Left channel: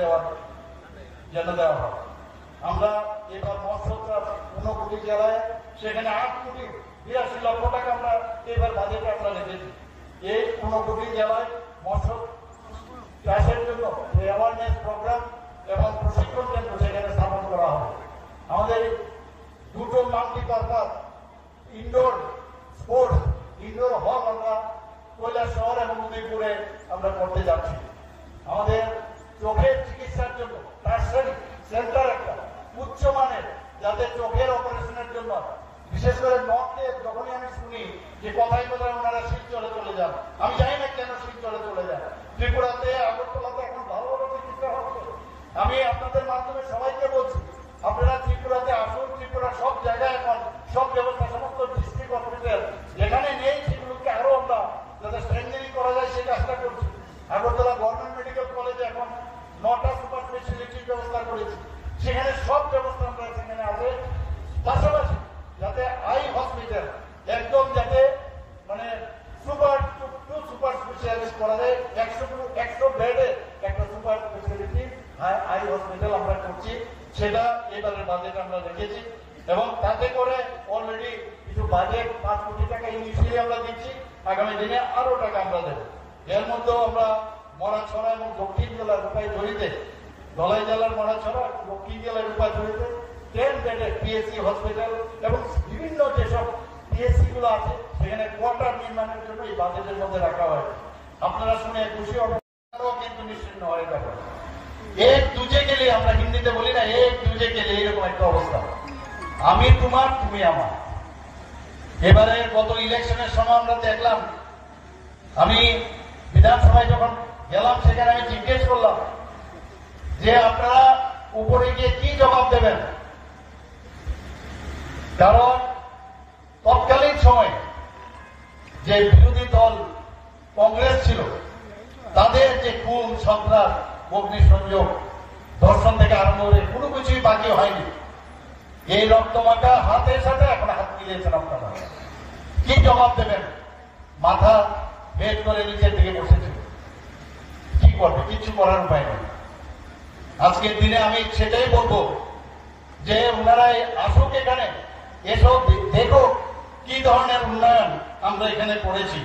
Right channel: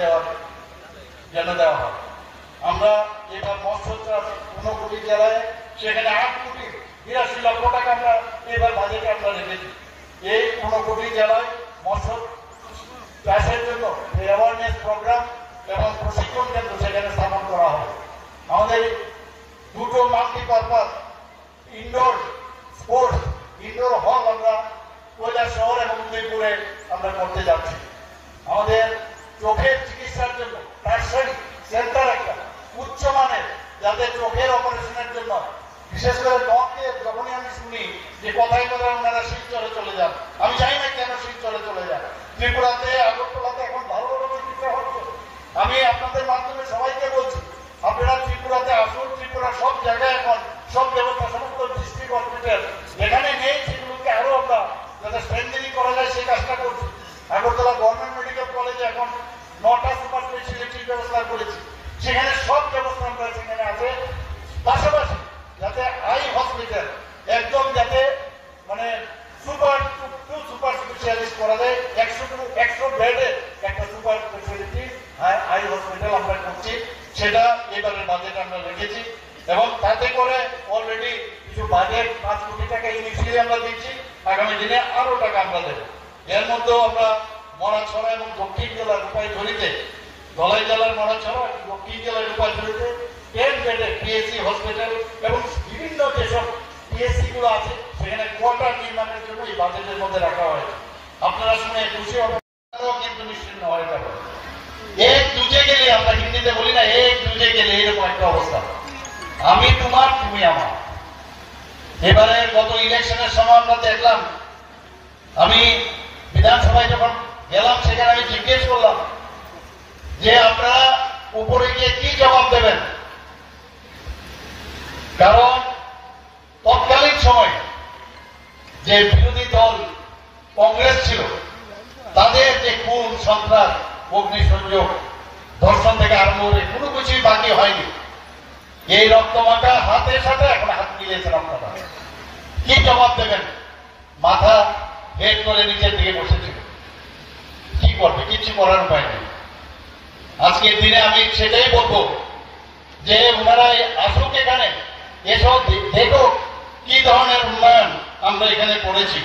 দেওয়ার জন্য দেওয়া হয়। আমরা এবার মৎস্য চাষ 15 জেলায়, সেখানে 8,82,00,000 টাকা আমরা এবার বাজেটে আমরা রেখেছি। এই 15 জেলায় মৎস্য চাষের জন্য অ্যাওয়ারনেস প্রোগ্রাম এবং প্রশিক্ষণ কেন্দ্র সেখানে স্থাপন করা হবে। আমাদের দুটো মাল্টিপারপাস ইনডোর স্পোর্টস ইনডোর হল আমরা কৈলাসহর এবং উদয়পুরে আমরা করতে যাচ্ছি। আমাদের চোখের চিকিৎসার জন্য টার্সারি সেন্টার একটা উচ্চমানের, যাতে চোখের অপারেশনের জন্য, বিশেষ করে নখে যখনই আমি শুনি যে কথায় কথায় ওনারা শিলচরে চলে যান, আমি জানি না কেন শিলচরে চলে যান। ত্রিপুরাতে, আগরতলাতে এখন ভালো ভালো চিকিৎসা হচ্ছে। আমি আপনাদের মাধ্যমে সবাইকে বলছি, আপনারা ত্রিপুরাতে আসুন। ত্রিপুরা সব জায়গায় এখন সব ব্যবস্থা, সমস্ত ডিস্ট্রিক্ট হসপিটাল যেখানে নেই সেগুলোকে আরো আমরা যাতে স্ট্রেংথেনিং করা যায় সেই কাজটা করছি। আগরতলা গভর্নমেন্ট মেডিকেল কলেজে এখন 9টা সুপার স্পেশালিটির ব্যবস্থা করেছি, সেখানে সব ব্যবস্থা আমরা সেখানে আছে। পাশাপাশি যাতে আই হসপিটাল একদম যাতে মানে সুপার স্পেশালিস্ট করা যায়, 100 বেডে একটা সুপার স্পেশালিটি আই হসপিটাল আমরা করছি, সেটা এবারের বাজেটে আমরা রেখেছি। এবং তাতে করে অলরেডি কিছু বাজেট 5 কোটি টাকা ইনিশিয়ালি আমরা দিচ্ছি, আগামী দিনে আরো টাকা আমরা দেব। এর মধ্যেও আমরা মনাছড়া এবং দক্ষিণ জেলার রূপাইঝুড়িতে, ধলাই জেলার মনাছড়া, দক্ষিণ জেলার রূপাইঝুড়িতে 10 বেডে পিএসসি হসপিটাল এবং বিভিন্ন যেসব পিএসসি গুলো আছে সেখানে কোয়ার্টার নির্মাণের জন্য এই বাজেটের মধ্যে রাখা হয়েছে। আপনারা শুনে খুশি হবেন, কিন্তু নিশ্চিন্ন হয়ে যাবে। এক দুজে গেলে, আমরা হিন্দিতে বলি না, এক দুজে গেলে এরকম একটা অবস্থা, আমি তোমার তুমি আমার। এবারে গত ইলেকশনের সময় আমরা দেখলাম, আমি বিধানসভায় যখন গেলাম সেখানে আমি জিজ্ঞেস করলাম যে আপনারা উপরে গিয়ে কি জবাব দেবেন, কারণ তৎকালীন সময় যে বিরোধী দল কংগ্রেস ছিল তাদের যে খুন সন্ত্রাস, অগ্নিসংযোগ, ধর্ষণ থেকে আরম্ভ করে কোনো কিছুই বাকি হয়নি। এই রক্তমাখা হাতের সাথে এখন হাত মিলিয়েছেন আপনারা, কি জবাব দেবেন? মাথা হেড করে নিচের দিকে বসেছে, কি করবে? কিছু করার উপায় নেই। আজকের দিনে আমি সেটাই বলবো যে ওনারা আসুক এখানে, এসো দেখো কি ধরনের উন্নয়ন আমরা এখানে করেছি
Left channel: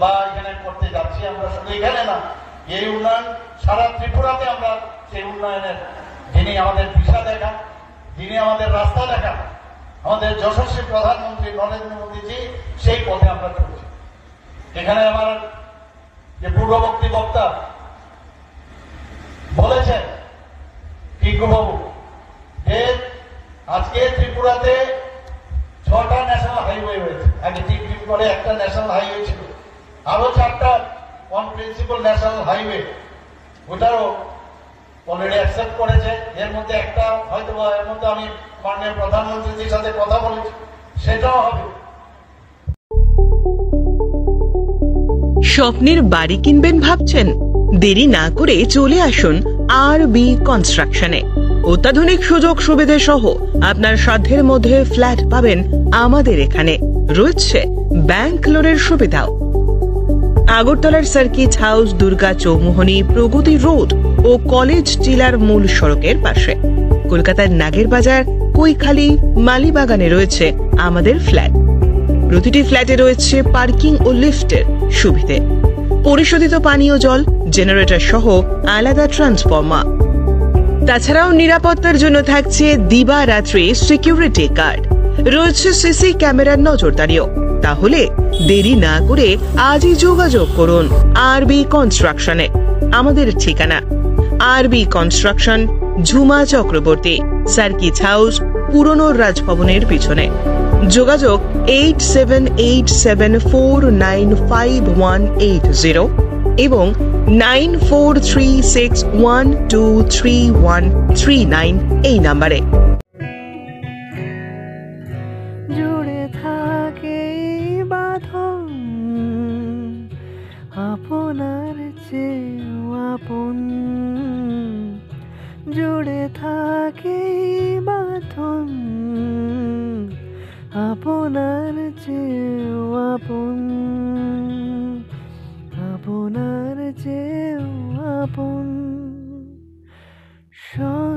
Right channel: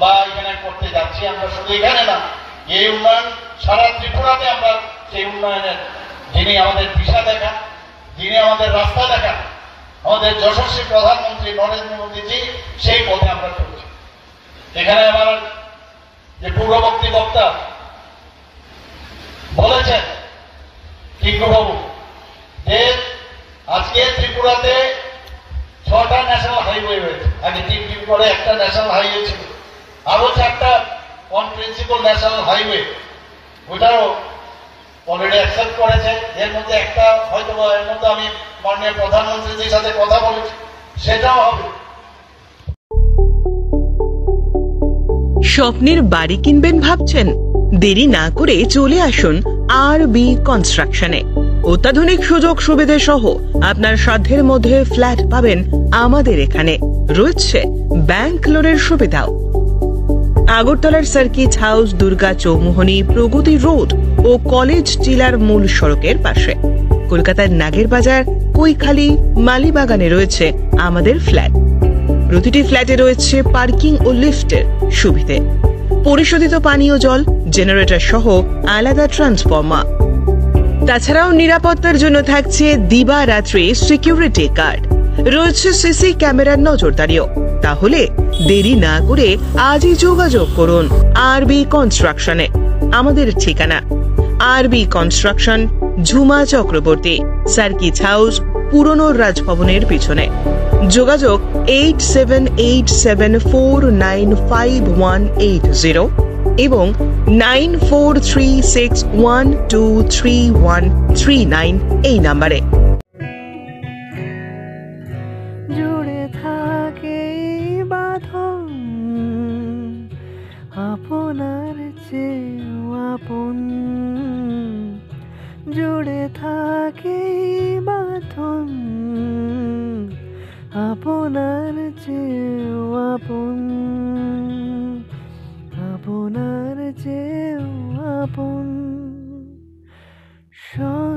বা এখানে করতে যাচ্ছি। আমরা শুধু এখানে না, এই উন্নয়ন সারা ত্রিপুরাতে আমরা সেই উন্নয়নের, যিনি আমাদের দিশা দেখান, যিনি আমাদের রাস্তা দেখান, আমাদের যশস্বী প্রধানমন্ত্রী নরেন্দ্র মোদীজি, সেই পথে আমরা চলছি। এখানে আমার যে পূর্ববর্তী বক্তা বলেছেন টিঙ্কুবাবু যে আজকে ত্রিপুরাতে 6টা ন্যাশনাল হাইওয়ে হয়েছে। আগে 3 করে একটা ন্যাশনাল হাইওয়ে ছিল, আরো 4টা অন প্রিন্সিপাল ন্যাশনাল হাইওয়ে, ওটাও অলরেডি অ্যাকসেপ্ট করেছে। এর মধ্যে একটা হয়তো এর মধ্যে আমি মাননীয় প্রধানমন্ত্রীর সাথে কথা বলেছি, সেটাও হবে। স্বপ্নের বাড়ি কিনবেন ভাবছেন? দেরি না করে চলে আসুন আরবি কনস্ট্রাকশনে। অত্যাধুনিক সুযোগ সুবিধা সহ আপনার সাধ্যের মধ্যে ফ্ল্যাট পাবেন আমাদের এখানে। রয়েছে ব্যাংক লোনের সুবিধাও। আগরতলার সার্কিট হাউস, দুর্গা চৌমুহনী, প্রগতি রোড ও কলেজ টিলার মূল সড়কের পাশে। কলকাতার নাগের বাজার, কৈখালি, মালিবাগানে রয়েছে আমাদের ফ্ল্যাট। প্রতিটি ফ্ল্যাটে রয়েছে পার্কিং ও লিফটের সুবিধে, পরিশোধিত পানীয় জল, জেনারেটর সহ আলাদা ট্রান্সফরমার। তাছাড়াও নিরাপত্তার জন্য থাকছে দিবারাত্রি সিকিউরিটি গার্ড, রয়েছে সিসি ক্যামেরার নজরদারিও। তাহলে দেরি না করে আজই যোগাযোগ করুন আরবি কনস্ট্রাকশনে। আমাদের ঠিকানা আরবি construction, Jhuma Chakraborty, circuit house, পুরনো রাজভবনের পিছনে। যোগাযোগ 8787495180 এবং 9436123139 এই নাম্বারে। জুড়ে থাকে বাঁধন আপনার চেয়েও আপন, জুড়ে থাকে বাঁধন আপনার চেয়েও আপন, আপনার চেয়েও আপন। সঙ্গে